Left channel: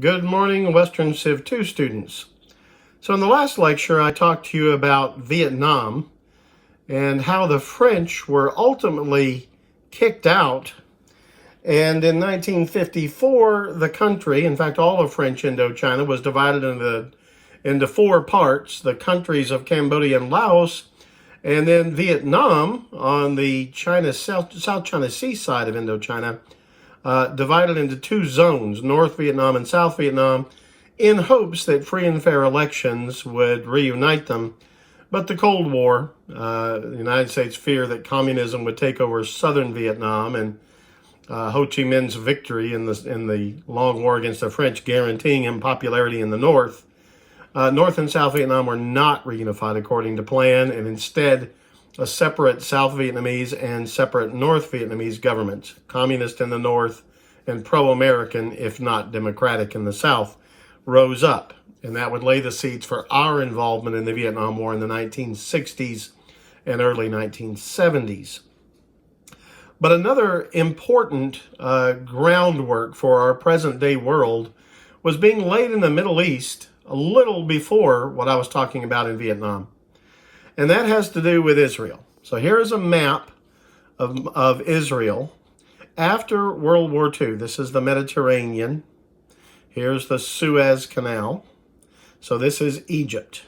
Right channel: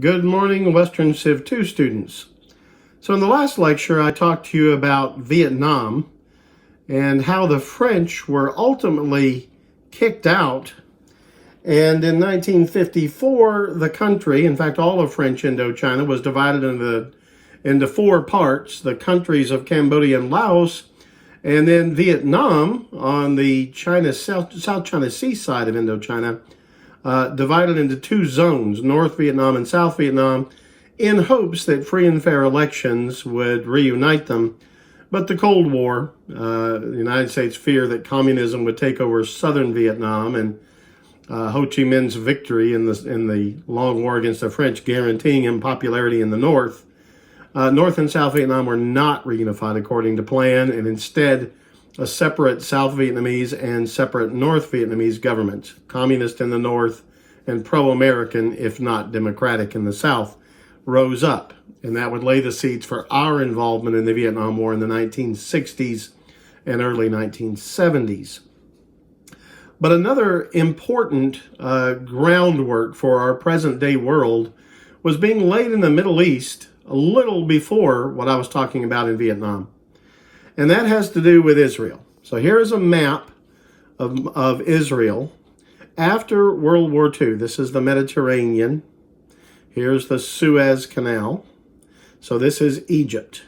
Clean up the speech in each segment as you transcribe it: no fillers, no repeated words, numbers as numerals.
Good morning, Western Civ 2 students. So in the last lecture, I talked to you about Vietnam and how the French were ultimately kicked out. And in 1954, the country, in fact, all of French Indochina was divided into four parts: the countries of Cambodia and Laos, and then Vietnam on the South China Sea side of Indochina, divided into two zones, North Vietnam and South Vietnam, in hopes that free and fair elections would reunite them. But the Cold War, the United States feared that communism would take over southern Vietnam, and Ho Chi Minh's victory in the long war against the French, guaranteeing him popularity in the North. North and South Vietnam were not reunified according to plan, and instead a separate South Vietnamese and separate North Vietnamese governments, communist in the North and pro-American, if not democratic, in the South, rose up. And that would lay the seeds for our involvement in the Vietnam War in the 1960s and early 1970s. But another important groundwork for our present-day world was being laid in the Middle East a little before what I was talking about in Vietnam. And that has to do with Israel. So here is a map of Israel after World War II. This is the Mediterranean. Here's the Suez Canal. So this is Egypt.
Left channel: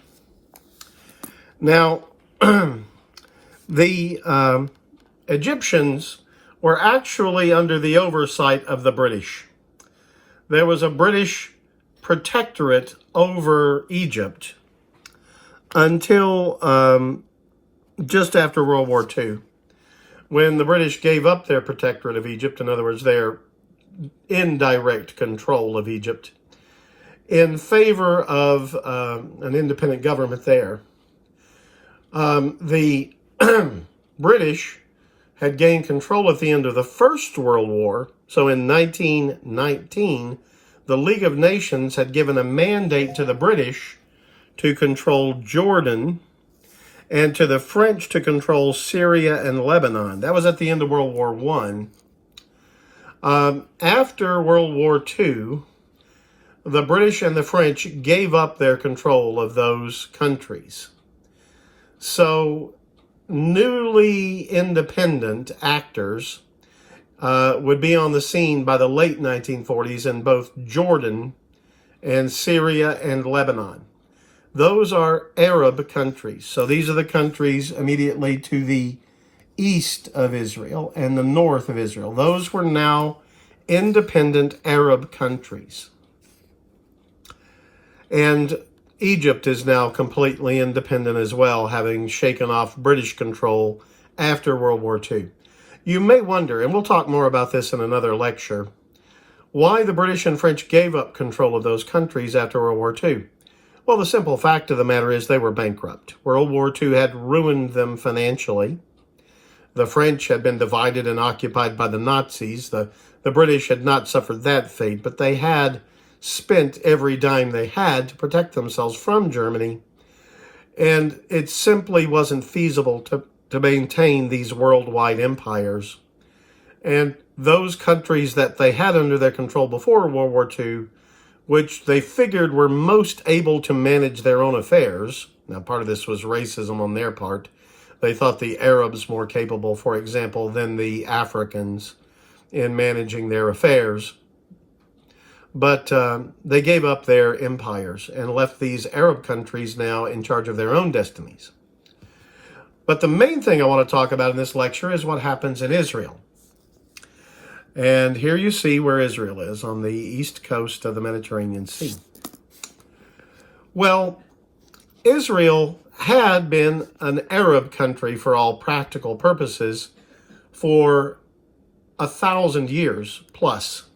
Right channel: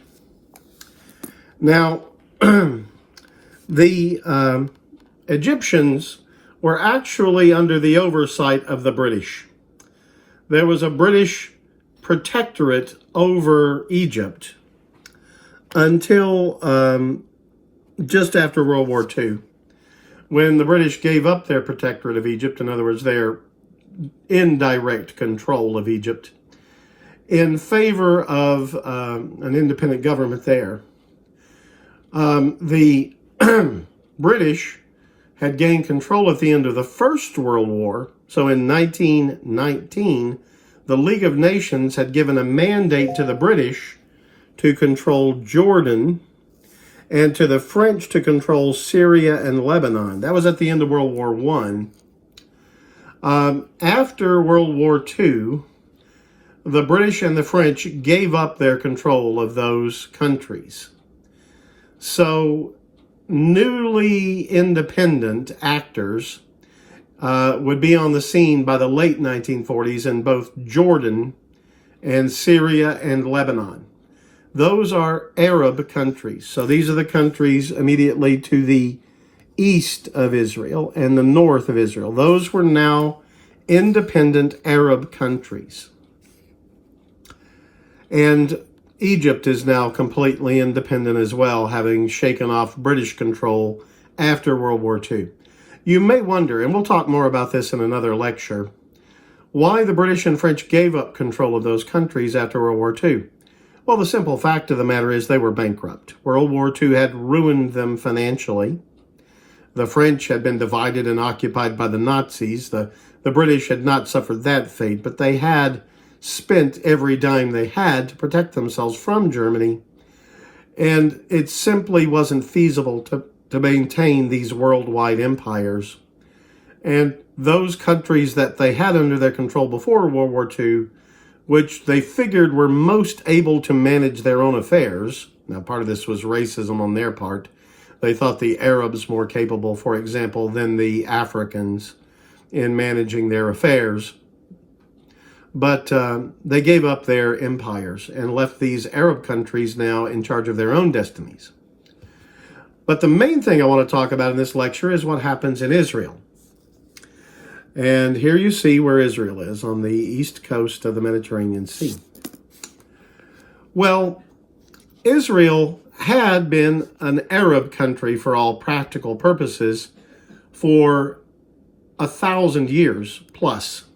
Now, the Egyptians were actually under the oversight of the British. There was a British protectorate over Egypt until just after World War II, when the British gave up their protectorate of Egypt, in other words, their indirect control of Egypt, in favor of an independent government there. The British had gained control at the end of the First World War. So in 1919, the League of Nations had given a mandate to the British to control Jordan and to the French to control Syria and Lebanon. That was at the end of World War I. After World War II, the British and the French gave up their control of those countries. So newly independent actors would be on the scene by the late 1940s in both Jordan and Syria and Lebanon. Those are Arab countries. So these are the countries immediately to the east of Israel and the north of Israel. Those were now independent Arab countries. And Egypt is now completely independent as well, having shaken off British control after World War II. You may wonder, and we'll talk more about this in another lecture, why the British and French gave up control of those countries after World War II. Well, the simple fact of the matter is they were bankrupt. World War II had ruined them financially. The French had been divided and occupied by the Nazis. The British had not suffered that fate, but they had spent every dime they had to protect themselves from Germany. And it simply wasn't feasible to maintain these worldwide empires. And those countries that they had under their control before World War II, which they figured were most able to manage their own affairs. Now, part of this was racism on their part. They thought the Arabs more capable, for example, than the Africans in managing their affairs. But they gave up their empires and left these Arab countries now in charge of their own destinies. But the main thing I want to talk about in this lecture is what happens in Israel. And here you see where Israel is, on the east coast of the Mediterranean Sea. Well, Israel had been an Arab country for all practical purposes for 1,000 years plus.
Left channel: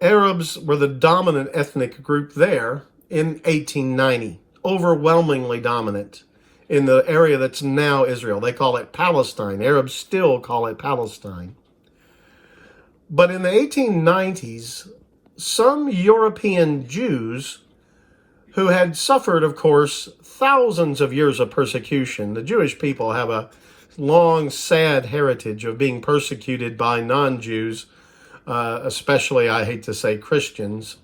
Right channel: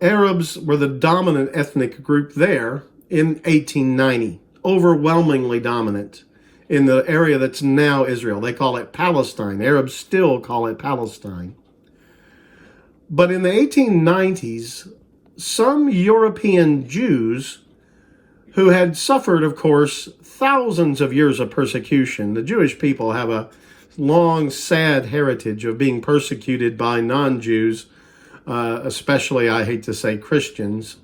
Arabs were the dominant ethnic group there in 1890, overwhelmingly dominant in the area that's now Israel. They call it Palestine. Arabs still call it Palestine. But in the 1890s, some European Jews who had suffered, of course, thousands of years of persecution. The Jewish people have a long, sad heritage of being persecuted by non-Jews, especially, I hate to say, Christians.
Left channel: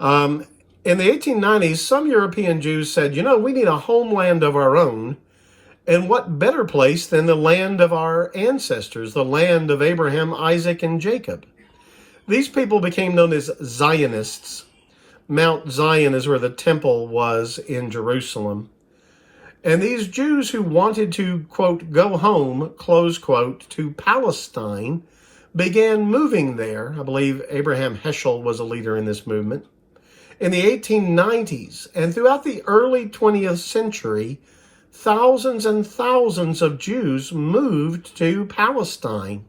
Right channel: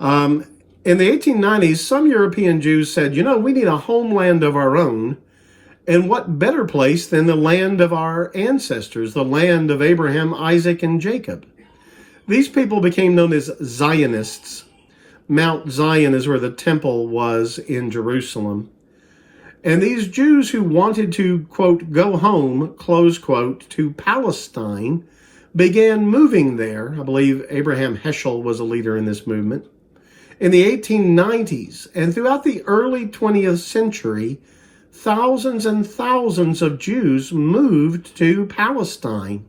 In the 1890s, some European Jews said, we need a homeland of our own. And what better place than the land of our ancestors, the land of Abraham, Isaac, and Jacob? These people became known as Zionists. Mount Zion is where the temple was in Jerusalem. And these Jews who wanted to, quote, go home, close quote, to Palestine, began moving there. I believe Abraham Heschel was a leader in this movement. In the 1890s and throughout the early 20th century, thousands and thousands of Jews moved to Palestine.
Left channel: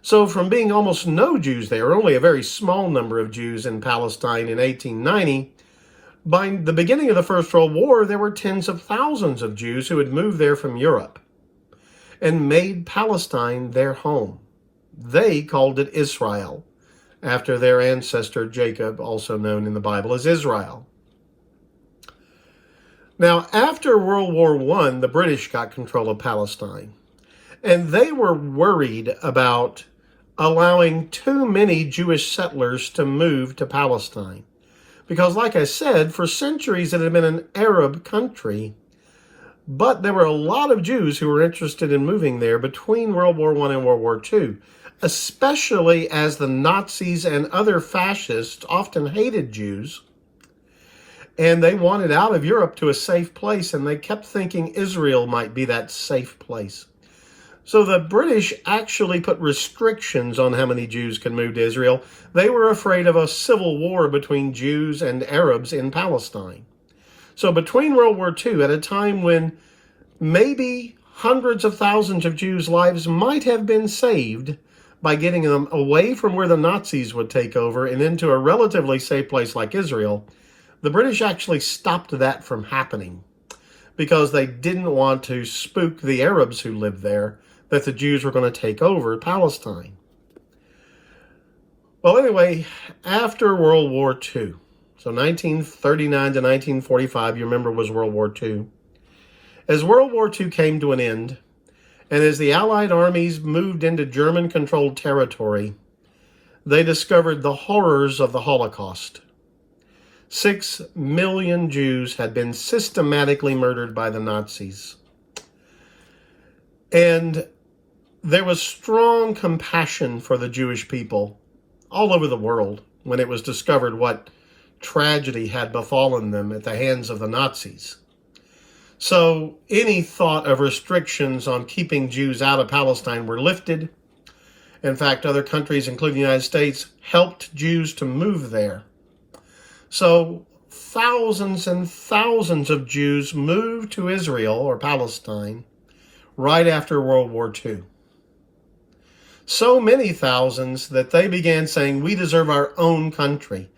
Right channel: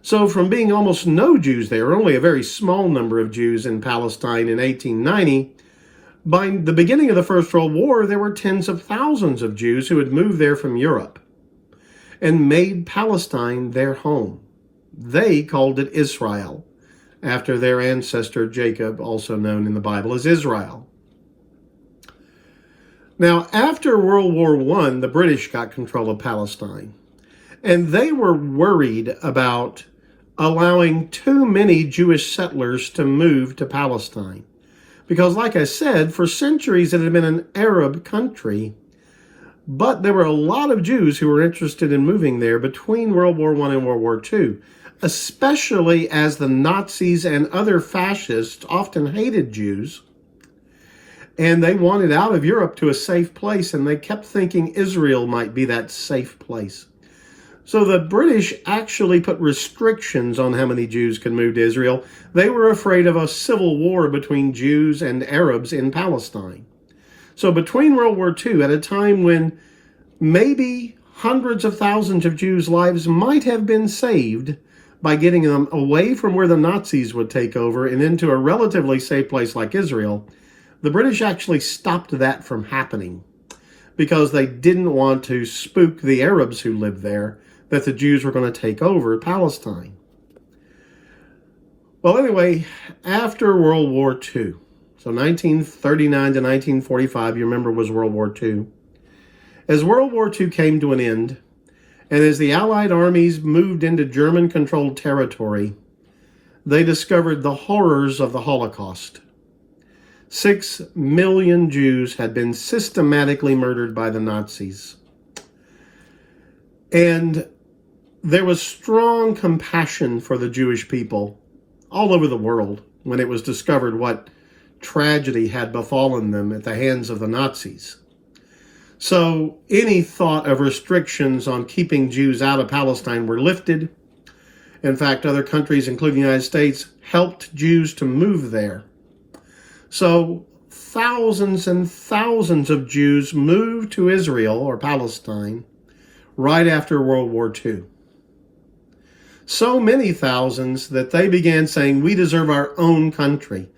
So from being almost no Jews there, only a very small number of Jews in Palestine in 1890, by the beginning of the First World War, there were tens of thousands of Jews who had moved there from Europe and made Palestine their home. They called it Israel, after their ancestor Jacob, also known in the Bible as Israel. Now, after World War I, the British got control of Palestine, and they were worried about allowing too many Jewish settlers to move to Palestine. Because, like I said, for centuries it had been an Arab country, but there were a lot of Jews who were interested in moving there between World War I and World War II, especially as the Nazis and other fascists often hated Jews, and they wanted out of Europe to a safe place, and they kept thinking Israel might be that safe place. So the British actually put restrictions on how many Jews could move to Israel. They were afraid of a civil war between Jews and Arabs in Palestine. So between World War II, at a time when maybe hundreds of thousands of Jews' lives might have been saved by getting them away from where the Nazis would take over and into a relatively safe place like Israel, the British actually stopped that from happening because they didn't want to spook the Arabs who lived there that the Jews were going to take over Palestine. Well, anyway, after World War II, so 1939 to 1945, you remember, was World War II. As World War II came to an end, and as the Allied armies moved into German-controlled territory, they discovered the horrors of the Holocaust. 6 million Jews had been systematically murdered by the Nazis. And there was strong compassion for the Jewish people all over the world when it was discovered what tragedy had befallen them at the hands of the Nazis. So any thought of restrictions on keeping Jews out of Palestine were lifted. In fact, other countries, including the United States, helped Jews to move there. So thousands and thousands of Jews moved to Israel or Palestine right after World War II. So many thousands that they began saying, we deserve our own country.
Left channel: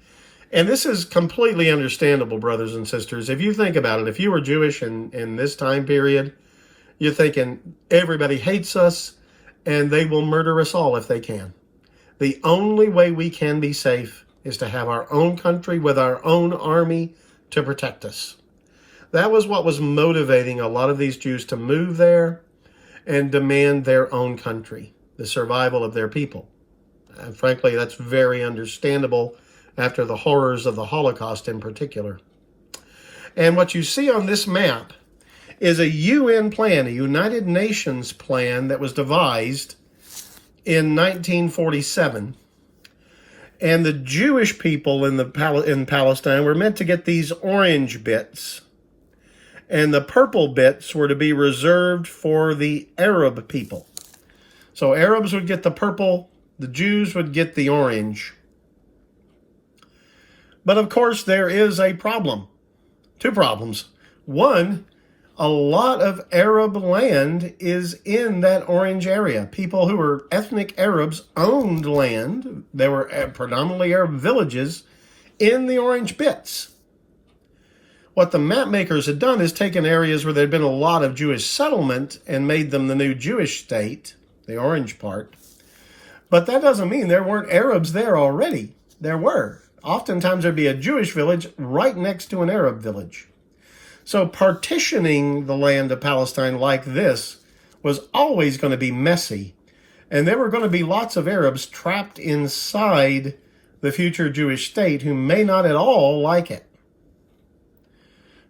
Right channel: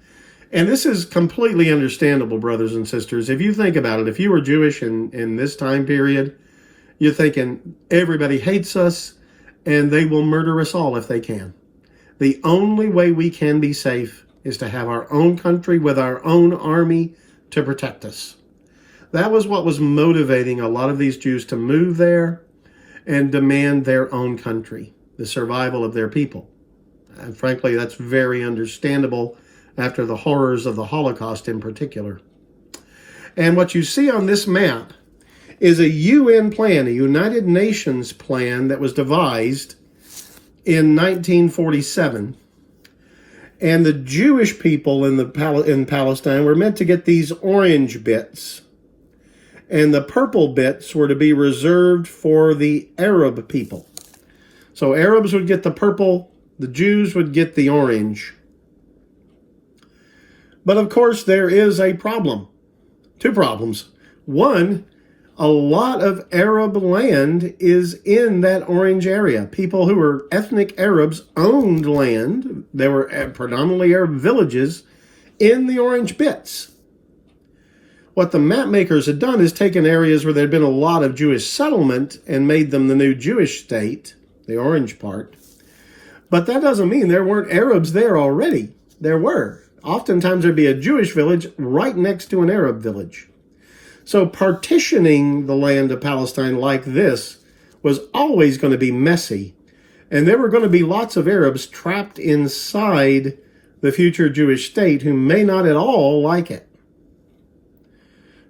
And this is completely understandable, brothers and sisters. If you think about it, if you were Jewish in this time period, you're thinking everybody hates us and they will murder us all if they can. The only way we can be safe is to have our own country with our own army to protect us. That was what was motivating a lot of these Jews to move there and demand their own country, the survival of their people. And frankly, that's very understandable after the horrors of the Holocaust in particular. And what you see on this map is a UN plan, a United Nations plan that was devised in 1947. And the Jewish people in Palestine were meant to get these orange bits. And the purple bits were to be reserved for the Arab people. So Arabs would get the purple, the Jews would get the orange. But of course, there is a problem. Two problems. One, a lot of Arab land is in that orange area. People who were ethnic Arabs owned land. There were predominantly Arab villages in the orange bits. What the map makers had done is taken areas where there had been a lot of Jewish settlement and made them the new Jewish state, the orange part. But that doesn't mean there weren't Arabs there already. There were. Oftentimes there'd be a Jewish village right next to an Arab village. So partitioning the land of Palestine like this was always going to be messy. And there were going to be lots of Arabs trapped inside the future Jewish state who may not at all like it,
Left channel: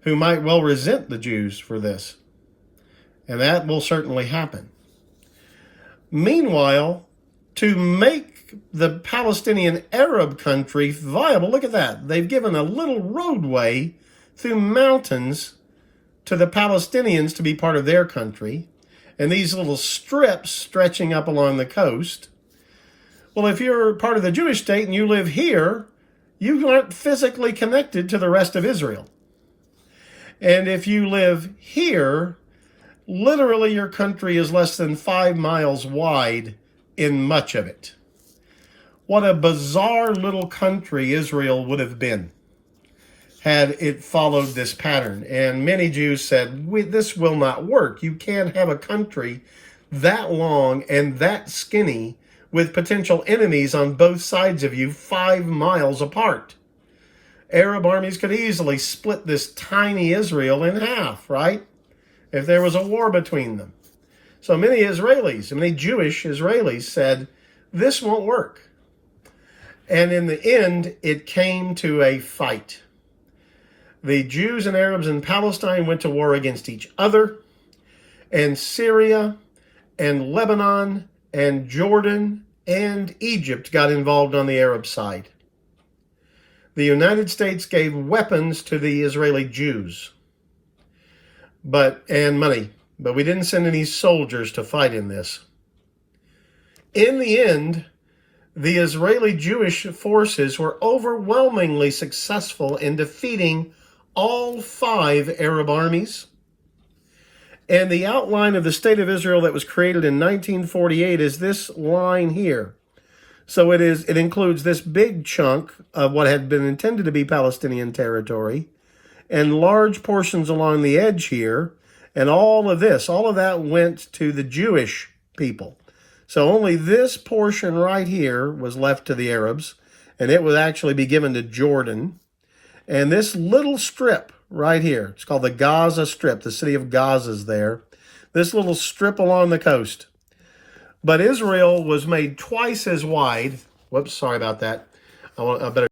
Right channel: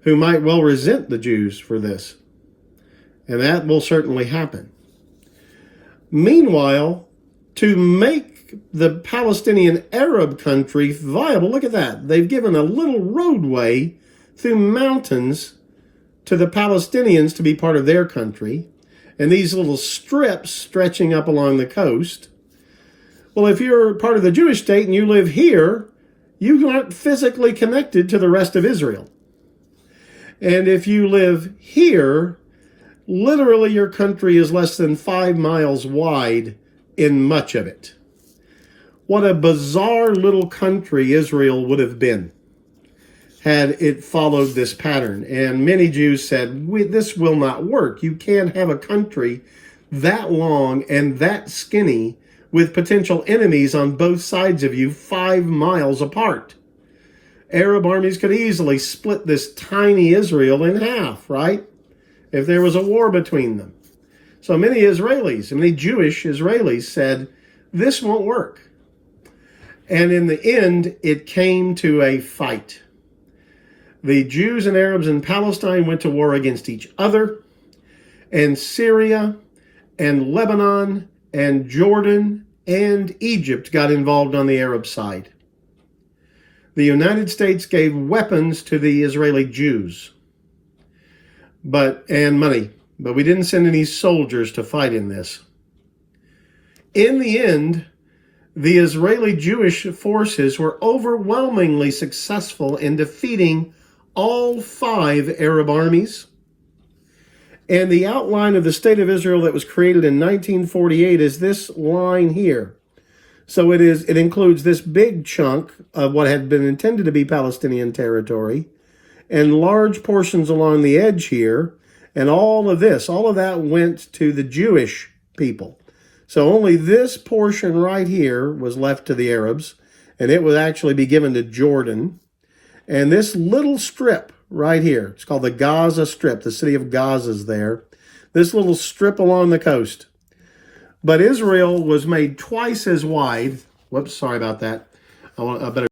who might well resent the Jews for this. And that will certainly happen. Meanwhile, to make the Palestinian Arab country viable, look at that. They've given a little roadway through mountains to the Palestinians to be part of their country, and these little strips stretching up along the coast. Well, if you're part of the Jewish state and you live here, you aren't physically connected to the rest of Israel. And if you live here, literally your country is less than 5 miles wide in much of it. What a bizarre little country Israel would have been had it followed this pattern. And many Jews said, this will not work. You can't have a country that long and that skinny with potential enemies on both sides of you 5 miles apart. Arab armies could easily split this tiny Israel in half, right? If there was a war between them. So many Israelis, many Jewish Israelis said, this won't work. And in the end, it came to a fight. The Jews and Arabs in Palestine went to war against each other, and Syria and Lebanon and Jordan and Egypt got involved on the Arab side. The United States gave weapons to the Israeli Jews, and money, but we didn't send any soldiers to fight in this. In the end, the Israeli Jewish forces were overwhelmingly successful in defeating all 5 Arab armies. And the outline of the State of Israel that was created in 1948 is this line here. So it includes this big chunk of what had been intended to be Palestinian territory and large portions along the edge here. And all of that went to the Jewish people. So only this portion right here was left to the Arabs, and it would actually be given to Jordan. And this little strip right here, it's called the Gaza Strip. The city of Gaza is there. This little strip along the coast. But Israel was made twice as wide. Whoops, sorry about that. I better